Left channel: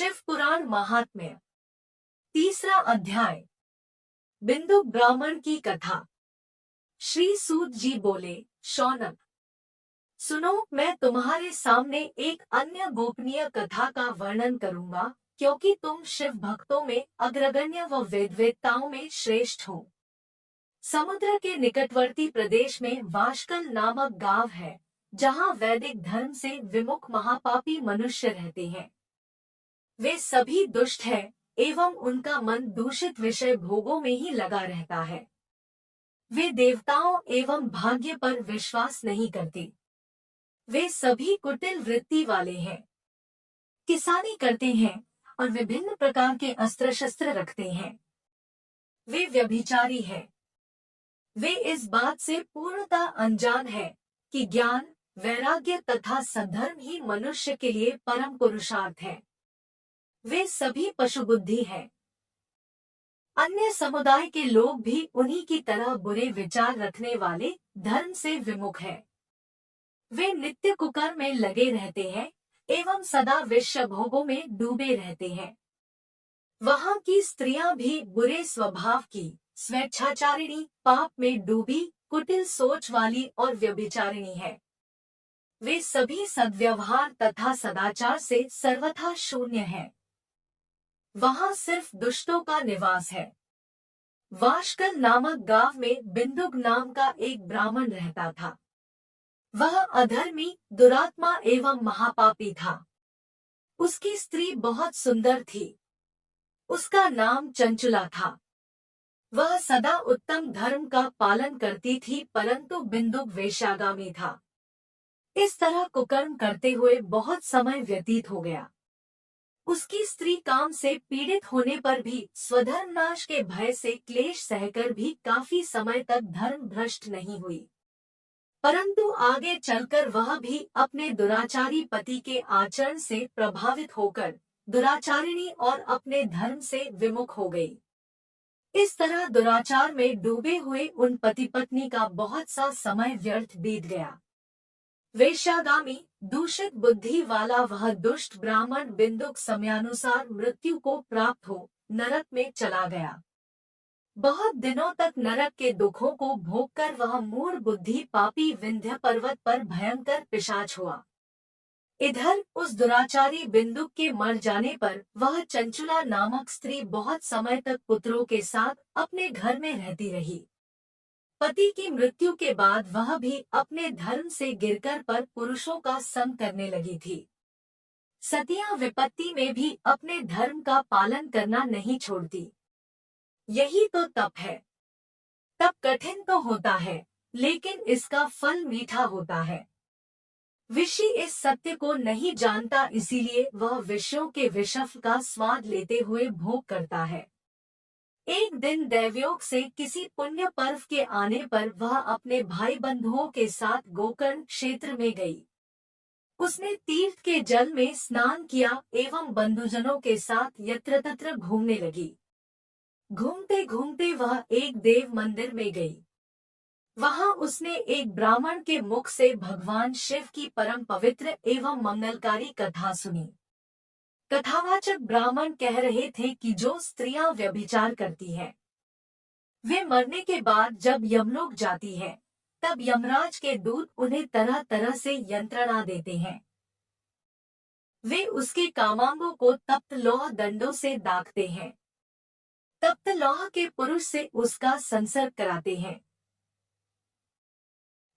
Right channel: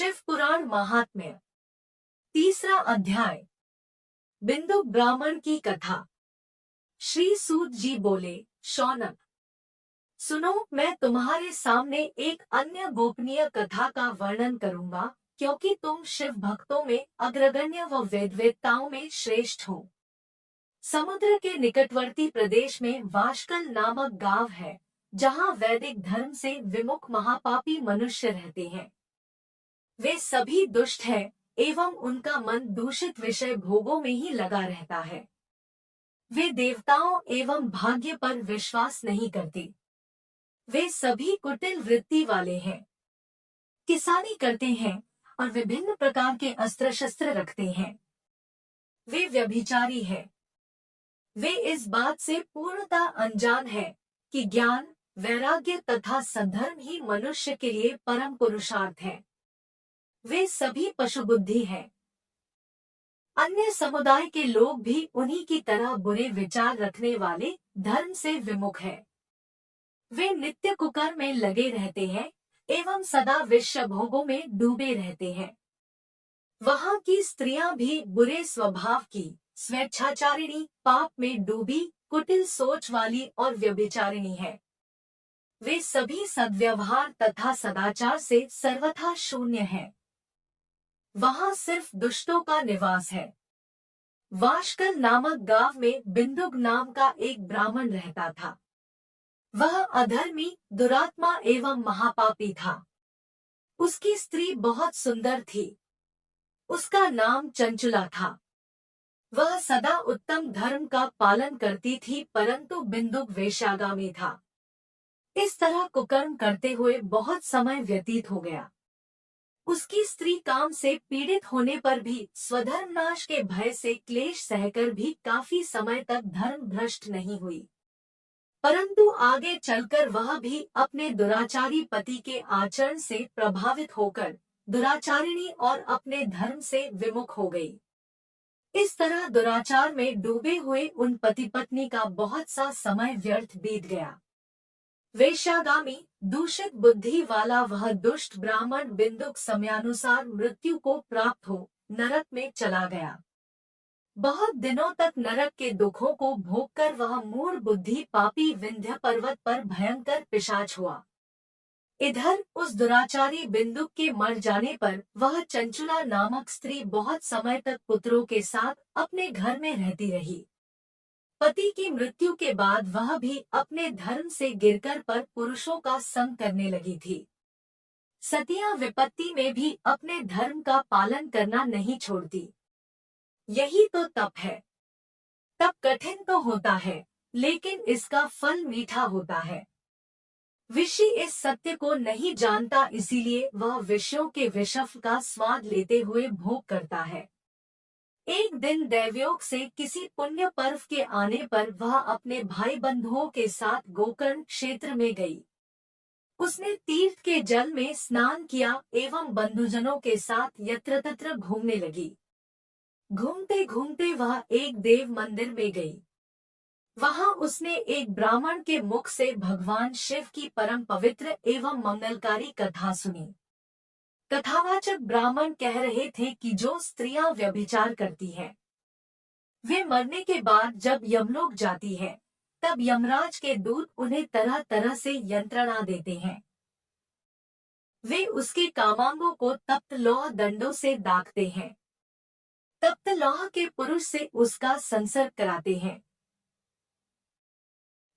शिव पुराण महात्म्य। तीसरा अध्याय। बिंदु ब्राह्मण की कथा। श्री सूत जी बोले, शौनक सुनो, मैं तुम्हारे सामने एक अन्य गोपनीय कथा का वर्णन करूंगा, क्योंकि तुम शिव भक्तों में अग्रगण्य व वेदवेत्ताओं में श्रेष्ठ हो। समुद्र के निकटवर्ती प्रदेश में वाशकल नामक गांव है, जहां वैदिक धर्म से विमुख महापापी मनुष्य रहते हैं। वे सभी दुष्ट हैं एवं उनका मन दूषित विषय भोगों में ही लगा रहता है। वे देवताओं एवं भाग्य पर विश्वास नहीं करते। वे सभी कुटिल वृत्ति वाले हैं, किसानी करते हैं और विभिन्न प्रकार के अस्त्र शस्त्र रखते हैं। वे व्यभिचारी हैं। वे इस बात से पूर्णतः अनजान है कि ज्ञान, वैराग्य तथा सद्धर्म ही मनुष्य के लिए परम पुरुषार्थ है। वे सभी पशुबुद्धि हैं। अन्य समुदाय के लोग भी उन्हीं की तरह बुरे विचार रखने वाले धर्म से विमुख हैं। वे नित्य कुकर्म में लगे रहते हैं एवं सदा विषय भोगों में डूबे रहते हैं। वहाँ की स्त्रियां भी बुरे स्वभाव की, स्वेच्छाचारिणी, पाप में डूबी, कुटिल सोच वाली और व्यभिचारिणी है। वे सभी सद्व्यवहार तथा सदाचार से सर्वथा शून्य हैं। वहाँ सिर्फ दुष्टों का निवास है। वाशकल नामक गांव में बिंदुक नाम का एक ब्राह्मण रहता था। वह अधर्मी, दुरात्मा एवं महापापी था। उसकी स्त्री बहुत सुंदर थी। उसका नाम चंचुला था। वह सदा उत्तम धर्म का पालन करती थी, परंतु बिंदुक वेश्यागामी था। इस तरह कुकर्म करते हुए बहुत समय व्यतीत हो गया। उसकी स्त्री काम से पीड़ित होने पर भी स्वधर्म नाश के भय से क्लेश सहकर भी काफी समय तक धर्म भ्रष्ट नहीं हुई, परंतु आगे चलकर वह भी अपने दुराचारी पति के आचरण से प्रभावित होकर दुराचारिणी और अपने धर्म से विमुख हो गई। इस तरह दुराचार में डूबे हुए उन पति पत्नी का बहुत सा समय व्यर्थ बीत गया। वेश्यागामी, दूषित बुद्धि वाला वह दुष्ट ब्राह्मण बिंदुक समयानुसार मृत्यु को प्राप्त हो नरक में चला गया। बहुत दिनों तक नरक के दुखों को भोगकर वह मूढ़ बुद्धि पापी विंध्य पर्वत पर भयंकर पिशाच हुआ। इधर उस दुराचारी बिंदुक के मर जाने पर वह चंचुला नामक स्त्री बहुत समय तक पुत्रों के साथ अपने घर में रहती रही। पति की मृत्यु के बाद वह भी अपने धर्म से गिरकर पर पुरुषों का संग करने लगी थी। सतियां विपत्ति में भी अपने धर्म का पालन करना नहीं छोड़ती। यही तो तप है। तप कठिन तो होता है, लेकिन इसका फल मीठा होता है। ऋषि इस सत्य को नहीं जानता, इसीलिए वह विषयों के विषफ का स्वाद लेते हुए भोग करता है। एक दिन दैवयोग से किसी पुण्य पर्व के आने पर वह अपने भाई बंधुओं के साथ गोकर्ण क्षेत्र में गई। उसने तीर्थ के जल में स्नान किया एवं बंधुजनों के साथ यत्र तत्र घूमने लगी। घूमते घूमते वह एक देव मंदिर में गई। वहां उसने एक ब्राह्मण के मुख से भगवान शिव की परम पवित्र एवं मंगलकारी कथा सुनी। कथावाचक ब्राह्मण कह रहे थे कि जो स्त्रियां व्यभिचार करती हैं, वे मरने के बाद जब यमलोक जाती हैं, तब यमराज के दूत उन्हें तरह तरह से यंत्रणा देते हैं। वे उसके कामांगों को तप्त लौह दंडों से दागते हैं। तप्त लौह के पुरुष से उसका संसर्ग कराते हैं।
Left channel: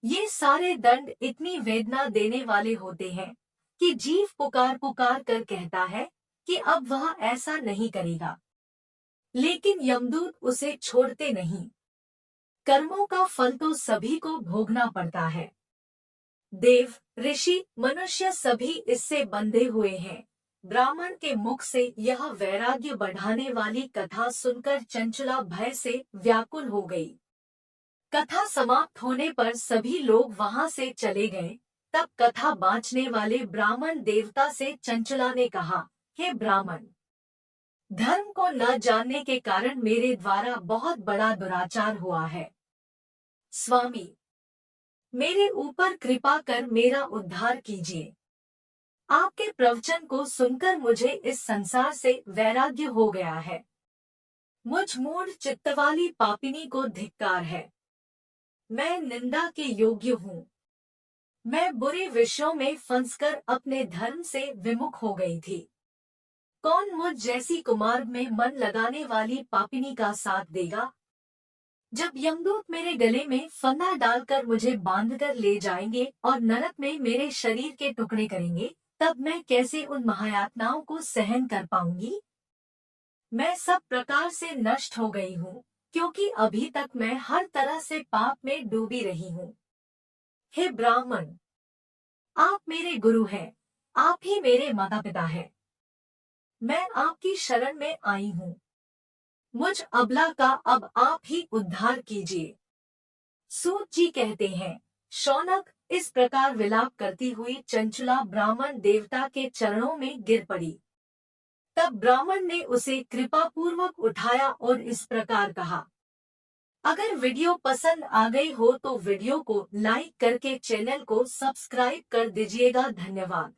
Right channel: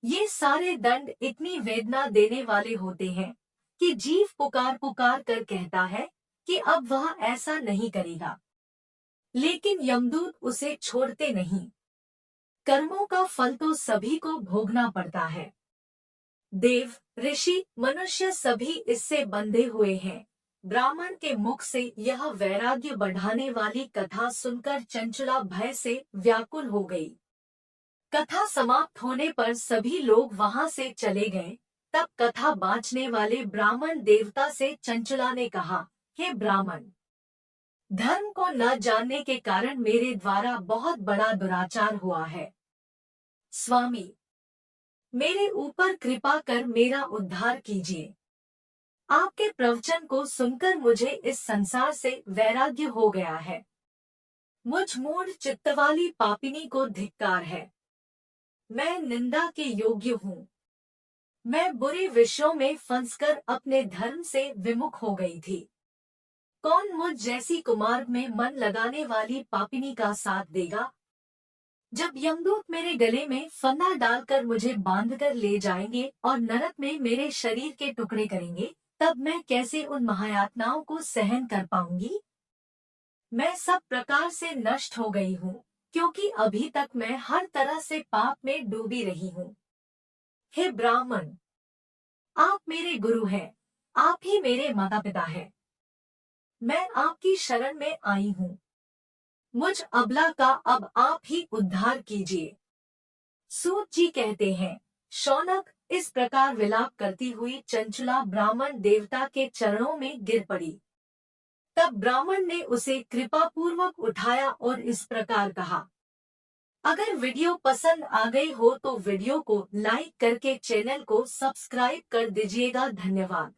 ये सारे दंड इतनी वेदना देने वाले होते हैं कि जीव पुकार पुकार कर कहता है कि अब वह ऐसा नहीं करेगा, लेकिन यमदूत उसे छोड़ते नहीं। कर्मों का फल तो सभी को भोगना पड़ता है। देव, ऋषि, मनुष्य सभी इससे बंधे हुए हैं। ब्राह्मण के मुख से यह वैराग्य बढ़ाने वाली कथा सुनकर चंचुला भय से व्याकुल हो गई। कथा समाप्त होने पर सभी लोग वहां से चले गए। तब कथा बाँचने वाले ब्राह्मण देवता से चंचुला ने कहा, हे ब्राह्मण, धर्म को न जानने के कारण मेरे द्वारा बहुत बड़ा दुराचार हुआ है। स्वामी, मेरे ऊपर कृपा कर मेरा उद्धार कीजिए। आपके प्रवचन को सुनकर मुझे इस संसार से वैराग्य हो गया है। मुझ मूढ़ चित्त वाली पापिनी को धिक्कार है। मैं निंदा के योग्य हूँ। मैं बुरे विषयों में फंसकर अपने धर्म से विमुख हो गई थी। कौन मुझ जैसी कुमार्ग में मन लगाने वाली पापिनी का साथ देगा? जब यमदूत मेरे गले में फंदा डालकर मुझे बांधकर ले जाएंगे और नरक में मेरे शरीर के टुकड़े करेंगे, तब मैं कैसे उन महायातनाओं को सहन कर पाऊंगी? मैं सब प्रकार से नष्ट हो गई हूँ, क्योंकि अभी तक मैं हर तरह से पाप में डूबी रही हूँ। हे ब्राह्मण, आप मेरे गुरु हैं, आप ही मेरे माता पिता हैं। मैं आपकी शरण में आई हूँ। मुझ अबला का अब आप ही उद्धार कीजिए। सूत जी कहते हैं, शौनक इस प्रकार विलाप करती हुई चंचला ब्राह्मण देवता के चरणों में गिर पड़ी। तब ब्राह्मण ने उसे कृपा पूर्वक उठाया और इस प्रकार कहा, अगर वीडियो पसंद आ गई हो तो वीडियो को लाइक करके चैनल को सब्सक्राइब कर दीजिएगा। धन्यवाद।